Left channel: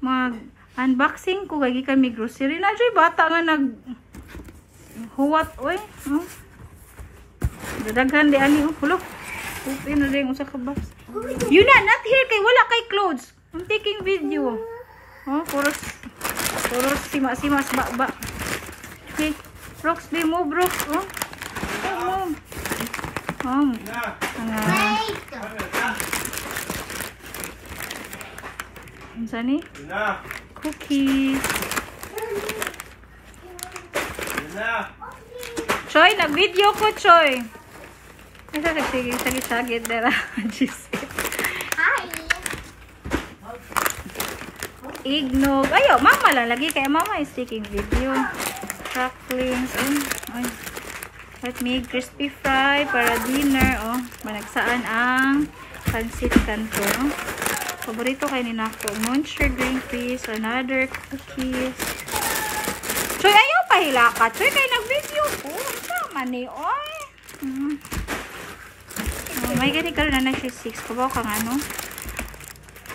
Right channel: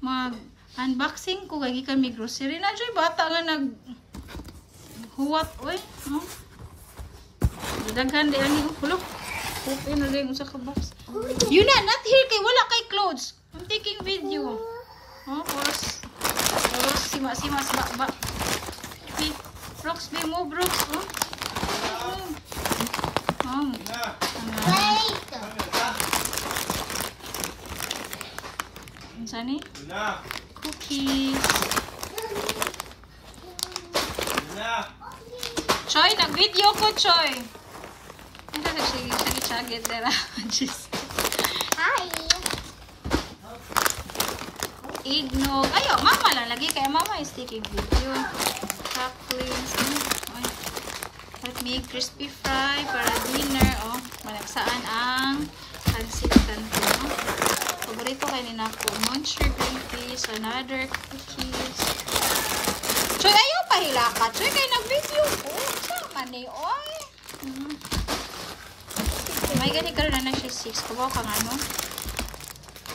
mag-unboxing ko kay gikan mi grocery na joy bata nga nag huwat oy. Daghan di ani hulo. Open na rin usa ka box. You not here kay wala kay clothes. I'm taking video. Puros sima-sima ba. Okay. Brooks, be mo Brooks. Sani? Cookies. Choy, nag-video ko, Choy. Ito kasi sagit-sagit dera. Hi. Ignog. Ayo, mama lang lagi kaya mama is taking video. Cracklings. Let me crispy fry para dinner. Managsaan ang pancit canton. Paborito kayo ni Nako. Muncher green peas. Another cookies. Choy, ayaw pahila ka. Choy, kayo nag-video ko. Sama ni, oy. May gani ka rin na siya 6. Kabaw kang ano.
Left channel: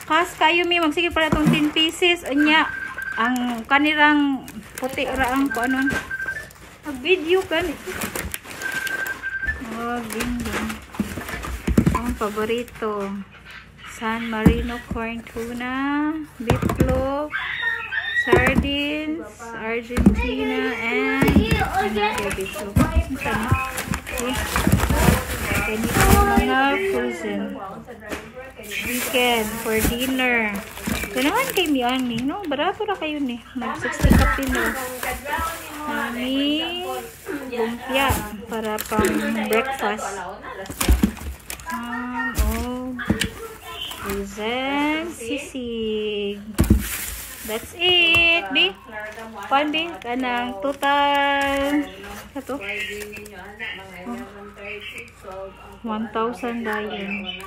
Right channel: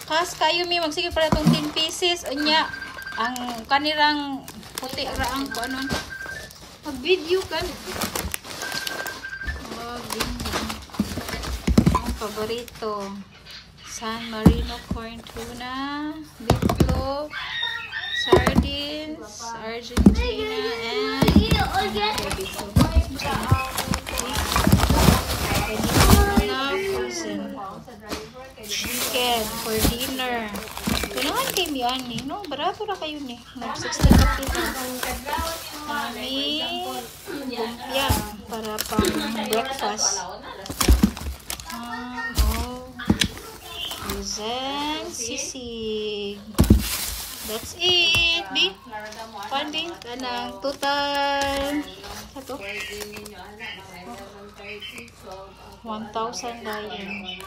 Kas kayo may magsige pala itong 10 pieces. Anya, ang kanirang puti raang ko ano. Mag-video ka. Bingo. Ang paborito. San Marino corn tuna, beefloaf, sardines, Argentina, and beefloaf. Frozen chicken for dinner. Kailangan kayo yan eh. No? Barato na kayo eh. Mag-60 kapilo. Mami, lumpia para pang breakfast. Then sisig. That's it, B. Pan, B. Kanang total. Ito. 1,000 dayon.